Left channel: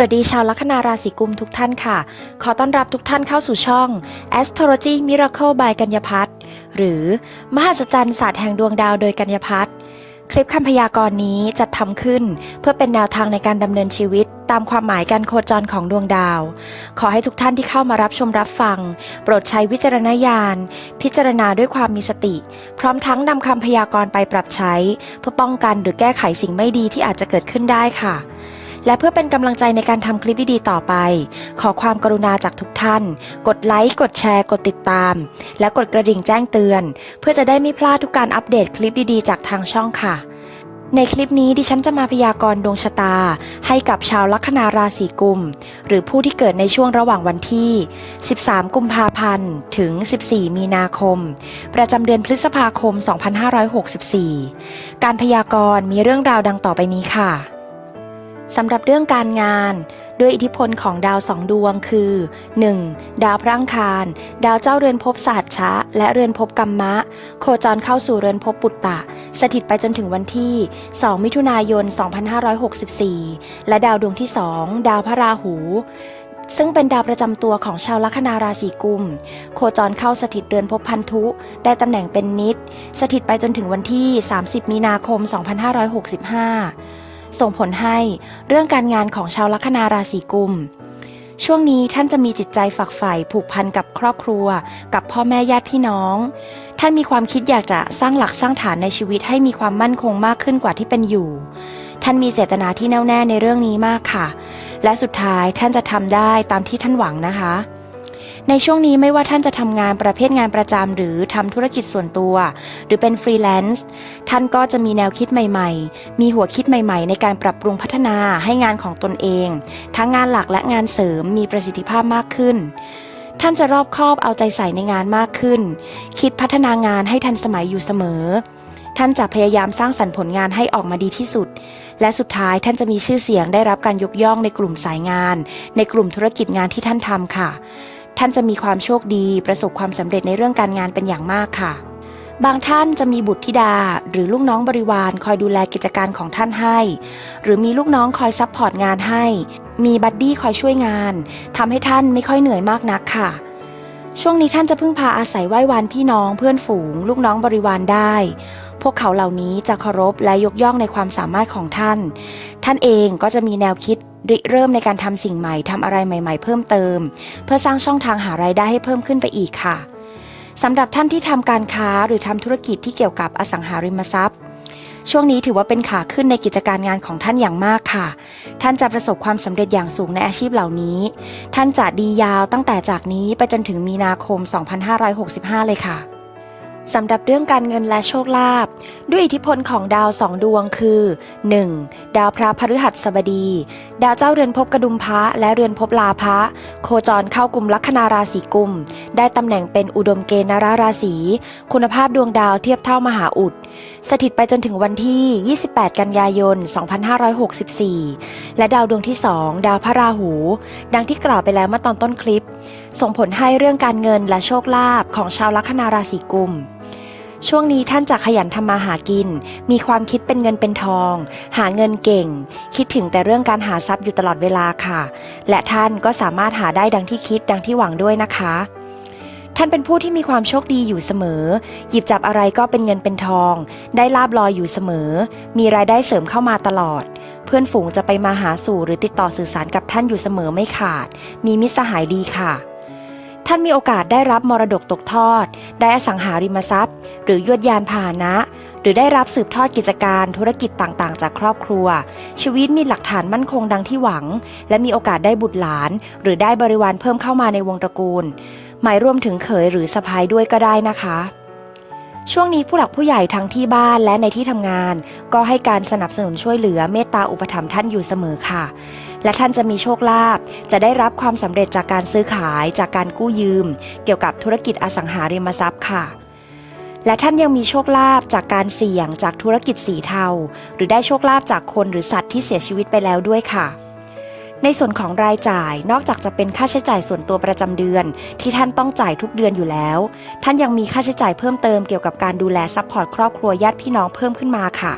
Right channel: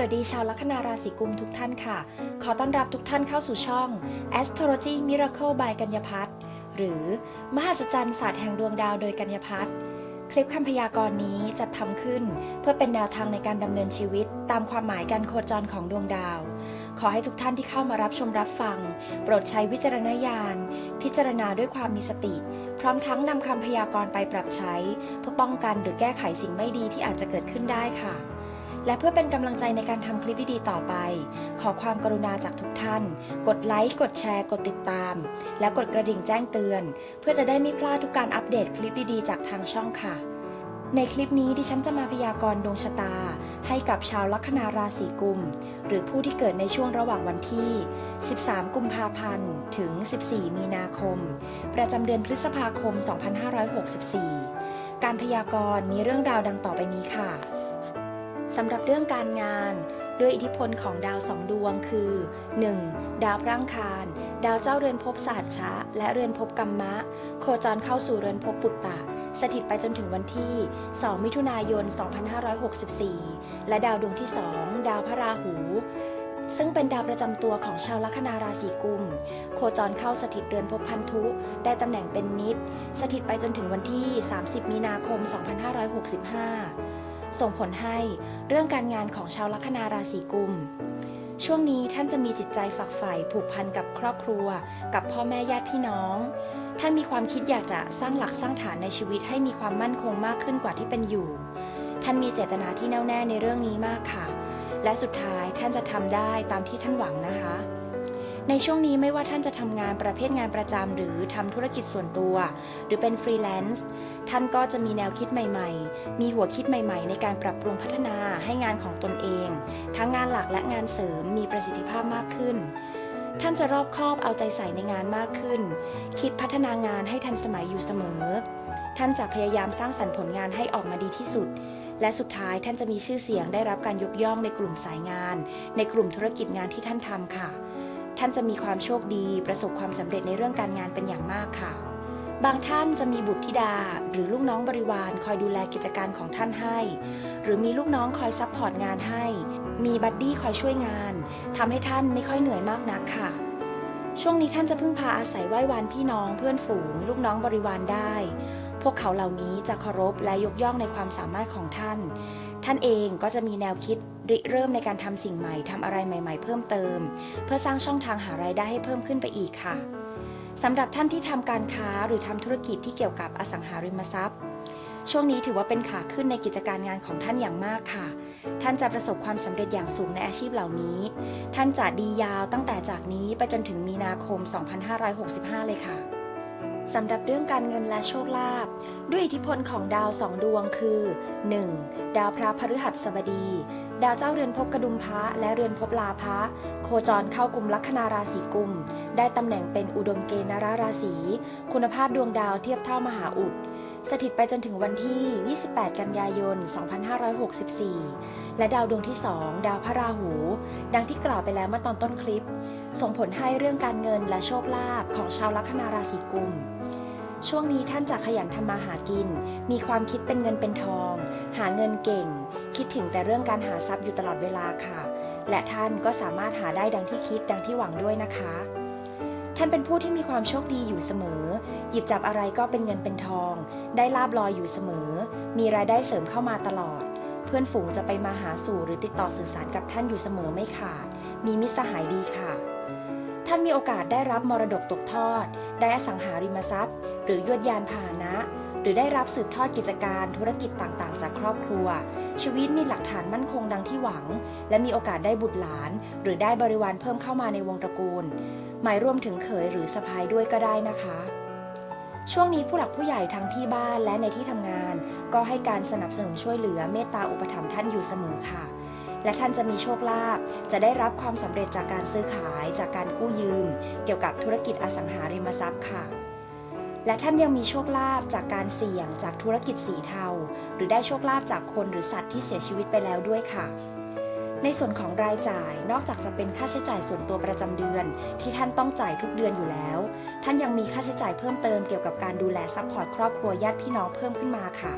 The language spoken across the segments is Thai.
สวัสดีชาวลัคนาราศีกุมทุกท่านค่ะ ขอต้อนรับทุกท่านเข้าสู่ช่อง Astrology Miracle by กัญญพัฒน์หรือ มหัศจรรย์ศาสตร์แห่งดวงดาวโดยกัญญพัฒน์คลิปคำพยากรณ์นี้จัดทำขึ้น เพื่อเป็นแนวทางในการดำเนินชีวิต ตามความหมายการโคจรของดวงดาว ขอให้ทุกท่านที่เข้ามารับชมรับฟัง โปรดใช้วิจารณญาณ พิจารณาด้วยความมีสติ พร้อมทั้งนำคำพยากรณ์ไปปรับใช้ เพื่อป้องกันหรือแก้ไขสิ่งไม่ดีที่อาจจะเกิดขึ้นได้ค่ะ และเพื่อเป็นกำลังใจในการทำคลิปดีๆต่อไป ขอความกรุณาจากทุกท่าน กดไลค์ กดแชร์ กดติดตาม และกดกระดิ่งแจ้งเตือน เพื่อจะได้ไม่พลาดทุกการอัปเดตคลิปดีๆ จากทางช่องค่ะ ในคลิปนี้ดิฉันจะมาพยากรณ์ดวงชะตา ให้กับชาวลัคนาราศีกุม หรือผู้ที่เกิดในช่วงระหว่างวันที่ 13 กุมภาพันธ์ ถึง 14 มีนาคม ประจำเดือนพฤษภาคม 2564 การพยากรณ์มีเรื่องราวดังต่อไปนี้ค่ะ สำหรับเรื่องการงาน ด้วยอิทธิพลของดาวสองดวงคือ 1. ดาวพระอังคาร ดาวเจ้าเรือนภพสหัสชะ และเรือนภพกัมมะ โคจรเข้าสู่เรือนภพปุตตะ สถิตไปจนถึงวันที่ 2 มิถุนายน 2564 และดาวดวงที่ 2 ดาวพระราหูซึ่งเป็นดาวประจำตัวของชาวลัคนาราศีกุม โคจรเข้าสถิตเรือนภพพันธุ ได้ตำแหน่งเป็นนิด สถิตไปจนถึงวันที่ 30 มีนาคม 2565 ส่งผลให้เรื่องการงานของชาวลัคนาราศีกุม ช่วงนี้ท่านจะมีจิตใจฝักใฝ่ผูกพันกับครอบครัว กับพ่อแม่ญาติพี่น้อง ท่านมีความคิดอยากจะสร้างหลักสร้างฐานในชีวิตให้มีความมั่นคงมากขึ้นกว่าที่เป็นอยู่ ท่านมีเจตนาที่แน่วแน่ในเรื่องนี้มากค่ะ และสุดท้ายท่านจะทำได้ตามที่ท่านหวังนะคะ ในช่วงนี้ไม่ว่าท่านจะทำงานประเภทงานประจำหรือทำธุรกิจส่วนตัว หรือเป็นฟรีแลนซ์ท่านก็จะมีแนวคิดใหม่ ๆ มีหัวคิดใหม่ ๆ ในการปรับปรุงพัฒนาให้งานของตนเอง ทั้งงานหลักและงานเสริมมีประสิทธิภาพมากขึ้น ท่านจะรอบคอบเอาใจใส่ในงานมากขึ้น คิดพัฒนางานให้ทันสมัยอยู่เสมอ ท่านจะพยายามสร้างสรรค์ผลงานให้ออกมาดีที่สุด และสุดท้ายท่านจะมีชื่อเสียงได้รับการยกย่องในกลุ่มสายงาน ในกลุ่มธุรกิจงานที่ท่านทำค่ะ ท่านจะมีความโชคดีประสบความสำเร็จในเรื่องการงานเป็นอย่างมากค่ะ บางท่านจะมีบุตรธิดา หรือลูกน้องบริวารคอยดูแลกิจการของท่านให้ หรือมีลูกน้องคอยซัพพอร์ตงานให้ มีบัดดี้คอยช่วยงานทำให้ท่านไม่ค่อยเหนื่อยมากนักค่ะ ช่วงนี้ท่านจะพึ่งพาอาศัยไหว้วานพี่น้องเพื่อนฝูง ลูกน้องบริวารได้ พวกเขาเหล่านี้จะเคารพและยกย่องในความสามารถของท่าน ท่านเองก็จะมีแนวคิดริเริ่มในการทำสิ่งใหม่ทำอะไรใหม่ ๆ เพิ่มเติม เพื่อสร้างช่องทางหารายได้ให้เพิ่มขึ้นไปอีกค่ะสำหรับท่านที่ทำการค้าหรือทำธุรกิจที่เกี่ยวกับอสังหาริมทรัพย์ ช่วงนี้ถือว่าเป็นขาขึ้นในกิจการงานของท่านอย่างมากค่ะ ท่านจะประสบความสำเร็จอย่างสูงในอาชีพเหล่านี้ ท่านจะดียาวตั้งแต่จากนี้ไปจนถึงมีนาคม 2565 เลยค่ะ สำหรับเรื่องการเงินและโชคลาภด้วยอิทธิพลของดาวสองดวงคือ 1. ดาวพระพฤหัสบดี ดาวเจ้าเรือนภพกระดุมพระและเรือนภพลาภะโคจรเข้ากลุ่มลัคนาราศีกุม ได้ตำแหน่งเป็นอุดมเกณฑ์นาราราศีคุณภาพดวงดาวเทียบเท่ามหาอุด สถิตไปจนถึงวันที่ 28 กันยายน 2564 และดาวดวงที่ 2 ดาวพระราหู ดังที่กล่าวไปแล้วเมื่อตอนต้นคลิป ส่งผลให้เรื่องการเงินและโชคลาภของชาวลัคนาราศีกุม ช่วงนี้ท่านจะขยันทำมาหากิน มีความคิดเป็นเงินเป็นทอง หาเงินเก่ง คิดถึงแต่เรื่องการหาทรัพย์อยู่ตลอดเวลาค่ะ และท่านก็สามารถหาได้ดังที่คิดดังที่หวังด้วยนะคะ ท่านเป็นผู้ที่มีความโชคดีอยู่เสมอ หยิบจับอะไรก็เป็นเงินเป็นทอง ได้ลาบลอยอยู่เสมอ มีรายได้เสริมเข้ามาตลอด เพื่อนฝูงจะไปมาหาสู่หรือติดต่อสื่อสารกับท่านอยู่เสมอไม่ขาด มีมิตรสหายดีค่ะ ท่านมีโอกาสได้รับมรดกตกทอด ได้อสังหาริมทรัพย์ หรือยวดยานพาหนะ หรือได้รับสืบทอดกิจการธุรกิจต่างๆ จากครอบครัว ชีวิตมีหลักฐานมั่นคงดังที่หวัง และมีโอกาสได้บุตรหลาน หรือได้บริวารเพิ่มเข้ามาในวงตระกูล หมายรวมถึงเขยหรือสะพายด้วยก็ได้นะคะช่วงนี้ผู้หลักผู้ใหญ่ทั้งที่บ้านและในที่ทำงาน ก็ให้การสนับสนุนช่วยเหลือเมตตาอุปถัมภ์ท่านอยู่เสมอค่ะ และท่านจะมีโชคลาภจะได้รับความสำเร็จจากการซื้อขายจากการกู้ยืม เกี่ยวกับธุรกิจอสังหาริมทรัพย์ค่ะ และท่านยังมีโชคลาภจากการเสี่ยงจากธุรกิจสีเทา หรือได้โชคลาภจากคนหรือสัตว์ที่เสียชีวิตไปแล้วด้วยค่ะในส่วนของรายจ่ายนอกจากจะเป็นค่าใช้จ่ายส่วนตัวประจำเดือน ที่ท่านต้องจ่ายทุกเดือนอยู่แล้ว ท่านยังมีค่าใช้จ่ายเพิ่มเติมเกี่ยวกับการดูแลซัพพอร์ตครอบครัวญาติพี่น้องเพิ่มขึ้นมาค่ะ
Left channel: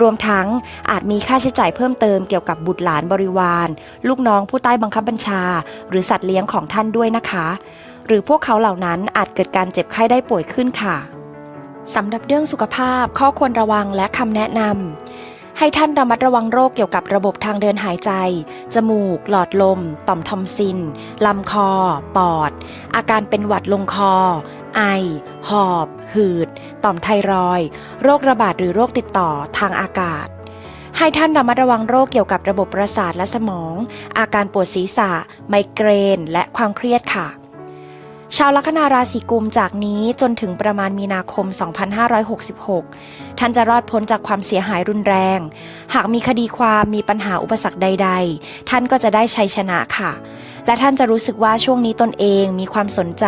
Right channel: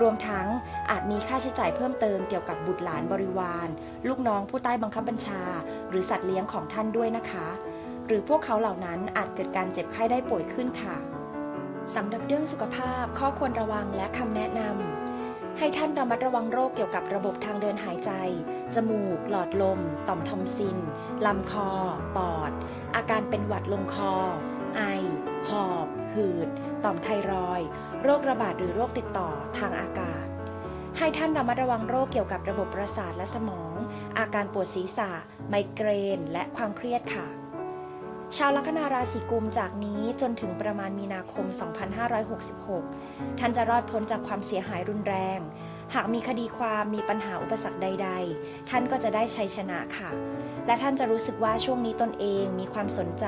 รวมทั้งอาจมีค่าใช้จ่ายเพิ่มเติมเกี่ยวกับบุตรหลานบริวาร ลูกน้องผู้ใต้บังคับบัญชา หรือสัตว์เลี้ยงของท่านด้วยนะคะ หรือพวกเขาเหล่านั้นอาจเกิดการเจ็บไข้ได้ป่วยขึ้นค่ะสำหรับเรื่องสุขภาพข้อควรระวังและคำแนะนำให้ท่านระมัดระวังโรคเกี่ยวกับระบบทางเดินหายใจ จมูก หลอดลม ต่อมทอมซิน ลำคอ ปอด อาการเป็นหวัดลงคอ ไอ หอบ หืด ต่อมไทรอยด์โรคระบาดหรือโรคติดต่อทางอากาศ ให้ท่านระมัดระวังโรคเกี่ยวกับระบบประสาทและสมอง อาการปวดศีรษะ ไมเกรน และความเครียดค่ะ ชาวลัคนาราศีกุมจากนี้จนถึงประมาณมีนาคม 2566 ท่านจะรอดพ้นจากความเสียหายรุนแรง หากมีคดีความมีปัญหาอุปสรรคใด ๆ ท่านก็จะได้ชัยชนะค่ะ และท่านจะรู้สึกว่าช่วงนี้ตนเองมีความสนใจ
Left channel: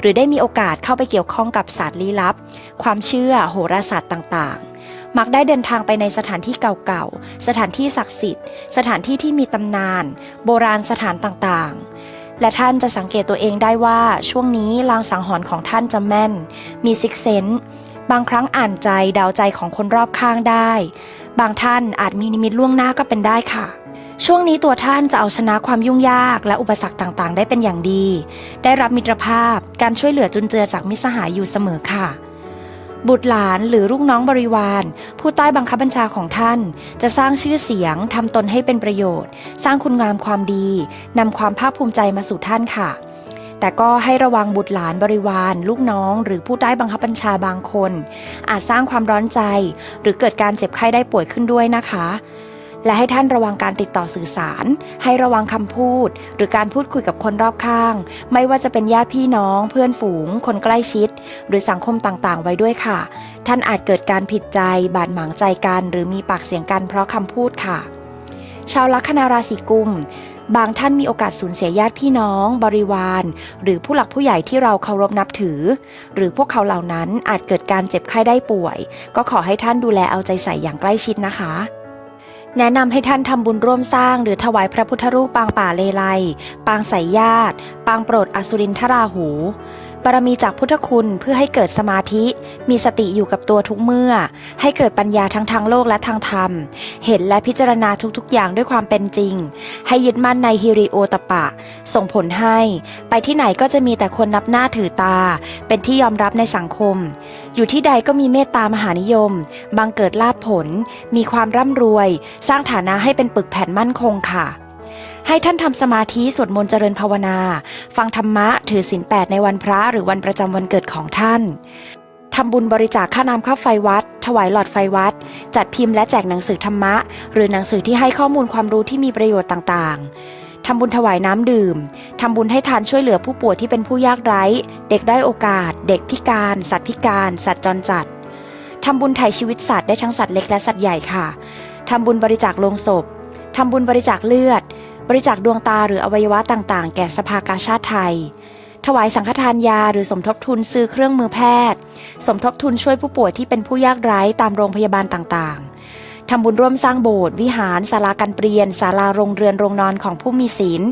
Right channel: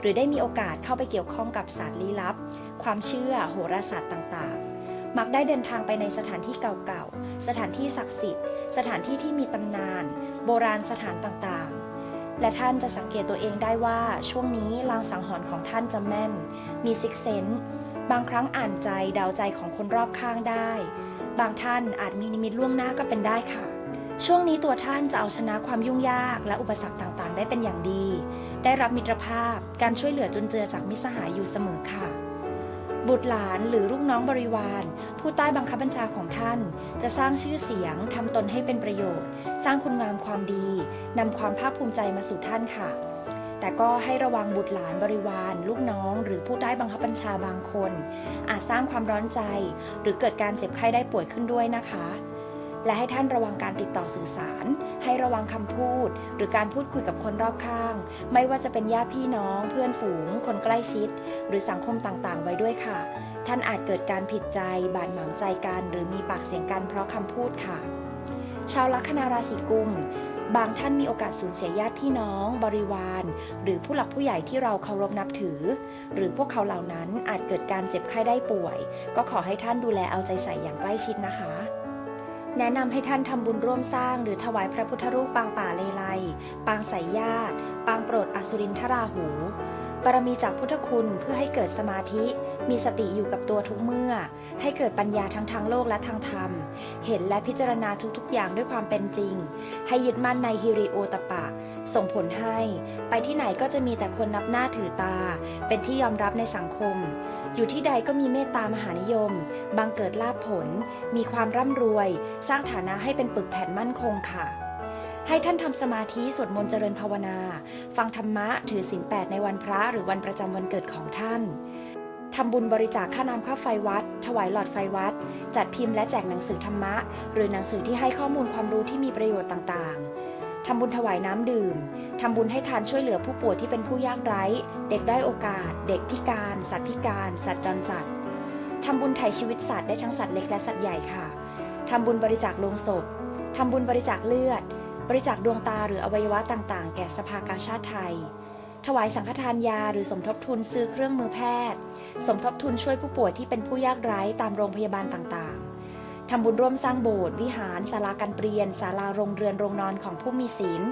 หรือได้มีโอกาสเข้าไปเกี่ยวข้องกับศาสตร์ลี้ลับ ความเชื่อโหราศาสตร์ต่างๆมักได้เดินทางไปในสถานที่เก่าๆ สถานที่ศักดิ์สิทธิ์ สถานที่ที่มีตำนาน โบราณสถานต่างๆ และท่านจะสังเกตตัวเองได้ว่าช่วงนี้ลางสังหรณ์ของท่านจะแม่น มีซิกเซนบางครั้งอ่านใจเดาใจของคนรอบข้างได้ บางท่านอาจมีนิมิตล่วงหน้าก็เป็นได้ค่ะ ช่วงนี้ตัวท่านจะเอาชนะความยุ่งยากและอุปสรรคต่างๆ ได้เป็นอย่างดี ได้รับมิตรภาพการช่วยเหลือจุนเจือจากมิสหายอยู่เสมอค่ะ บุตรหลานหรือลูกน้องบริวาร ผู้ใต้บังคับบัญชาของท่าน จะสร้างชื่อเสียงทำตนให้เป็นประโยชน์ สร้างคุณงามความดีนำความภาคภูมิใจมาสู่ท่านค่ะ แต่ก็ให้ระวังบุตรหลานบริวาร ลูกน้อง หรือผู้ใต้บังคับบัญชาบางคน อาจสร้างความร้อนใจ หรือเกิดการเจ็บไข้ได้ป่วยขึ้นด้วยนะคะ และให้ท่านระวังการติดต่อสื่อสาร ให้ระวังคำพูด หรือการพูดคุยกับคนรอบข้าง ไม่ว่าจะเป็นญาติพี่น้อง เพื่อนฝูง คนใกล้ชิด หรือสังคมต่างๆ ไว้ด้วยค่ะ ท่านอาจเกิดการผิดใจ บาดหมางใจกัน หรือมีปากเสียงกันเพราะคำพูดค่ะ ชาวลัคนาราศีกุมบางท่านมีโอกาสสูญเสียญาติพี่น้อง บริวาร หรือผู้หลักผู้ใหญ่ที่เราเคารพนับถือ หรือพวกเขาเหล่านั้นอาจเกิดการเจ็บไข้ได้ป่วย ก็ขอให้ท่านดูแลเอาใจใส่อย่างใกล้ชิดนะคะ แนะนำให้ท่านทำบุญร่วมสร้าง หรือถวายพระพุทธรูปปางป่าเลไล ปางสายญาติ ปางโปรดอสุรินทราหู บารมีจากพุทธคุณเพื่อให้เกิดสมาธิ มีสติอยู่กับตัวทุกเมื่อ ให้เกิดปัญญาทั้งทางโลกและทางธรรม เห็นและพิจารณาทุกๆ อย่างด้วยความเป็นจริง ให้ยึดมั่นในฮิริโอตปะ ส่งผลให้ ไปที่ไหนก็จะมีแต่คนนับหน้าถือตา เป็นที่ยอมรับในสังคม อยู่ที่ใดก็มีเมตตามหานิยม บังเกิดลาภผล มีความร่ำรวย สร้างฐานะให้เป็นปึกแผ่นมั่นคงค่ะ ให้ท่านทำสมาธิสวดมนต์เจริญภาวนา ฟังธรรมะถือศีลแปดในวันพระหรือวันประจำวันเกิดของท่านทำบุญบริจาคค่าน้ำค่าไฟวัด ถวายหลอดไฟวัด จัดพิมพ์และแจกหนังสือธรรมะ หรือหนังสือที่ให้ข้อมูลความรู้ที่มีประโยชน์ต่างๆ ทำบุญถวายน้ำดื่ม ทำบุญให้ทานช่วยเหลือผู้ป่วยที่เป็นผู้ยากไร้ เด็กได้โอกาส เด็กพิการ สัตว์พิการ สัตว์จรจัด ทำบุญไถ่ชีวิตสัตว์ได้ทั้งสัตว์เล็กและสัตว์ใหญ่ค่ะ ทำบุญบริจาคโลงศพ ทำบุญบริจาคเลือด บริจาคดวงตาหรืออวัยวะต่างๆ แก่สภากาชาติไทย ถวายสังฆทานยาหรือสมทบทุนซื้อเครื่องมือแพทย์ สมทบทุนช่วยผู้ป่วยที่เป็นผู้ยากไร้ตามโรงพยาบาลต่างๆทำบุญร่วมสร้างโบสถ์วิหารศาลาการเปลี่ยนศาลาโรงเรือนโรงนอนของผู้มีศีล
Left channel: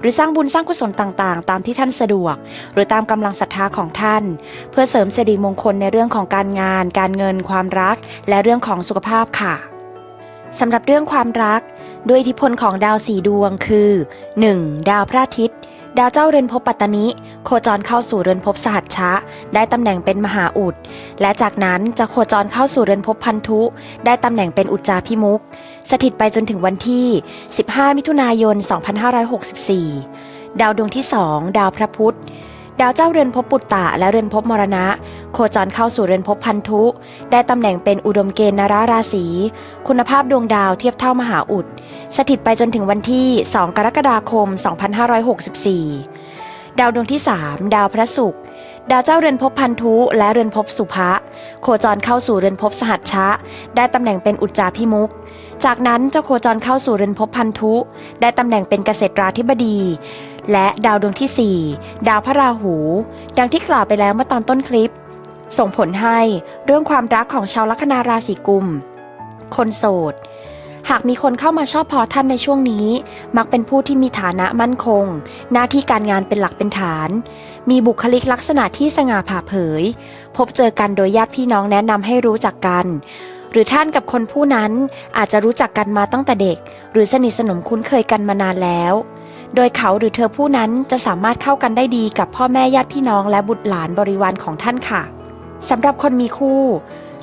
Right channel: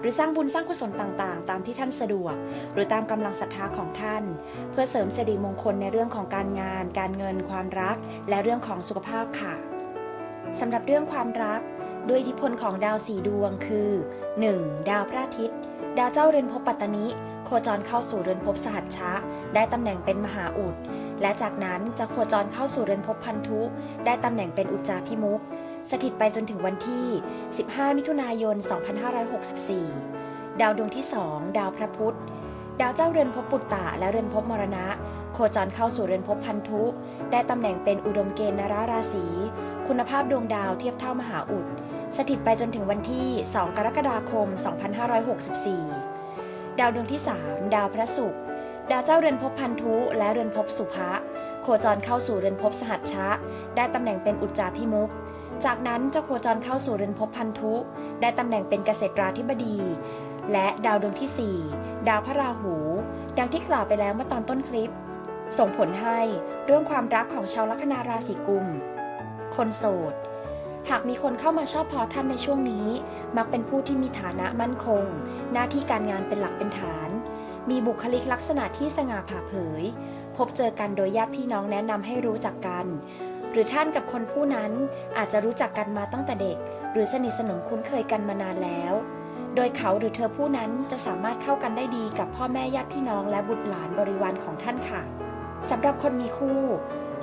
หรือสร้างบุญสร้างกุศลต่างๆ ตามที่ท่านสะดวก หรือตามกำลังศรัทธาของท่าน เพื่อเสริมสิริมงคลในเรื่องของการงาน การเงิน ความรัก และเรื่องของสุขภาพค่ะสำหรับเรื่องความรัก ด้วยอิทธิพลของดาวสี่ดวงคือ 1. ดาวพระอาทิตย์ ดาวเจ้าเรือนภพปัตตนิ โคจรเข้าสู่เรือนภพสหัชชะ ได้ตำแหน่งเป็นมหาอุด และจากนั้นจะโคจรเข้าสู่เรือนภพพันธุ ได้ตำแหน่งเป็นอุจจาพิมุก สถิตไปจนถึงวันที่ 15 มิถุนายน 2564 ดาวดวงที่ 2 ดาวพระพุธ ดาวเจ้าเรือนภพปุตตะและเรือนภพมรณะ โคจรเข้าสู่เรือนภพพันธุ ได้ตำแหน่งเป็นอุดมเกณฑ์นราราศี คุณภาพดวงดาวเทียบเท่ามหาอุด สถิตไปจนถึงวันที่ 2 กรกฎาคม 2564 ดาวดวงที่ 3 ดาวพระศุกร์ ดาวเจ้าเรือนภพพันธุและเรือนภพสุภะโคจรเข้าสู่เรือนภพสหัชชะ ได้ตำแหน่งเป็นอุจจาพิมุก จากนั้นจะโคจรเข้าสู่เรือนภพพันธุ ได้ตำแหน่งเป็นเกษตราธิบดี และดาวดวงที่ 4 ดาวพระราหู ดังที่กล่าวไปแล้วเมื่อตอนต้นคลิป ส่งผลให้เรื่องความรักของชาวลัคนาราศีกุม คนโสด หากมีคนเข้ามาชอบพอท่านในช่วงนี้ มักเป็นผู้ที่มีฐานะมั่นคง หน้าที่การงานเป็นหลักเป็นฐาน มีบุคลิกลักษณะที่สง่าผ่าเผย พบเจอกันโดยญาติพี่น้องแนะนำให้รู้จักกัน หรือท่านกับคนผู้นั้นอาจจะรู้จักกันมาตั้งแต่เด็ก หรือสนิทสนมคุ้นเคยกันมานานแล้ว โดยเขาหรือเธอผู้นั้นจะสามารถเข้ากันได้ดีกับพ่อแม่ญาติพี่น้องและบุตรหลานบริวารของท่านค่ะสำหรับคนมีคู่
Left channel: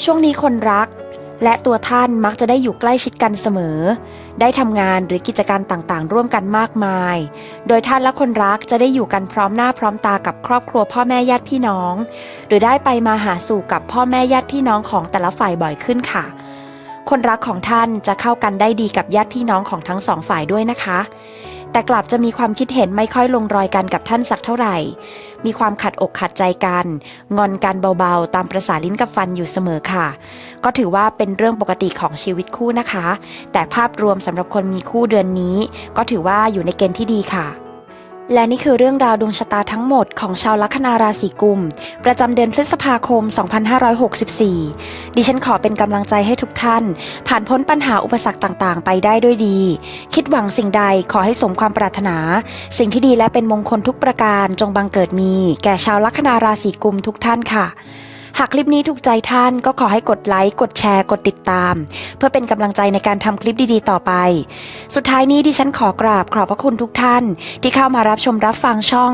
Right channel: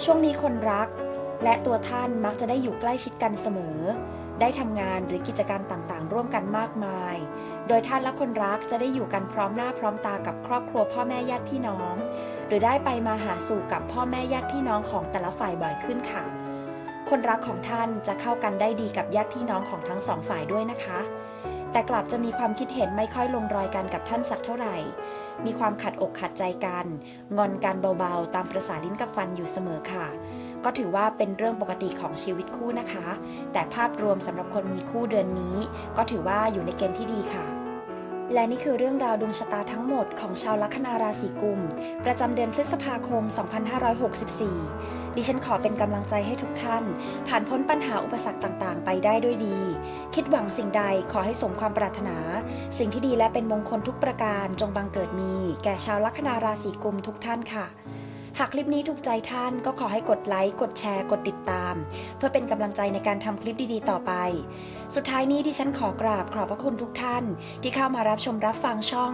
ช่วงนี้คนรัก และตัวท่านมักจะได้อยู่ใกล้ชิดกันเสมอ ได้ทำงานหรือกิจการต่างๆ ร่วมกันมากมาย โดยท่านและคนรักจะได้อยู่กันพร้อมหน้าพร้อมตากับครอบครัวพ่อแม่ญาติพี่น้อง หรือได้ไปมาหาสู่กับพ่อแม่ญาติพี่น้องของแต่ละฝ่ายบ่อยขึ้นค่ะ คนรักของท่านจะเข้ากันได้ดีกับญาติพี่น้องของทั้งสองฝ่ายด้วยนะคะ แต่กลับจะมีความคิดเห็นไม่ค่อยลงรอยกันกับท่านสักเท่าไหร่ มีความขัดอกขัดใจกัน งอนกันเบาๆ ตามประสาลิ้นกับฟันอยู่เสมอค่ะ ก็ถือว่าเป็นเรื่องปกติของชีวิตคู่นะคะ แต่ภาพรวมสำหรับคนมีคู่เดือนนี้ ก็ถือว่าอยู่ในเกณฑ์ที่ดีค่ะ และนี่คือเรื่องราวดวงชะตาทั้งหมดของชาวลัคนาราศีกุม ประจำเดือนพฤษภาคม 2564 ดิฉันขอเป็นกำลังใจให้ทุกท่าน ผ่านพ้นปัญหาอุปสรรคต่างๆ ไปได้ด้วยดี คิดหวังสิ่งใดขอให้สมความปรารถนา สิ่งที่ดีและเป็นมงคลทุกประการจงบังเกิดมี แก่ชาวลัคนาราศีกุมทุกท่านค่ะ หากคลิปนี้ถูกใจท่านก็ขอให้กดไลค์ กดแชร์ กดติดตาม เพื่อเป็นกำลังใจในการทำคลิปดีๆ ต่อไป สุดท้ายนี้ดิฉันขอกราบขอบพระคุณทุกท่าน ที่เข้ามารับชมรับฟังช่อง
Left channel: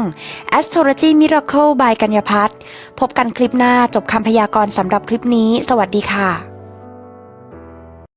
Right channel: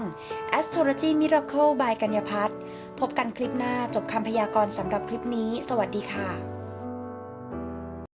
Astrology Miracle by กัญญาพัฒน์พบกันคลิปหน้าจบคำพยากรณ์สำหรับคลิปนี้ สวัสดีค่ะ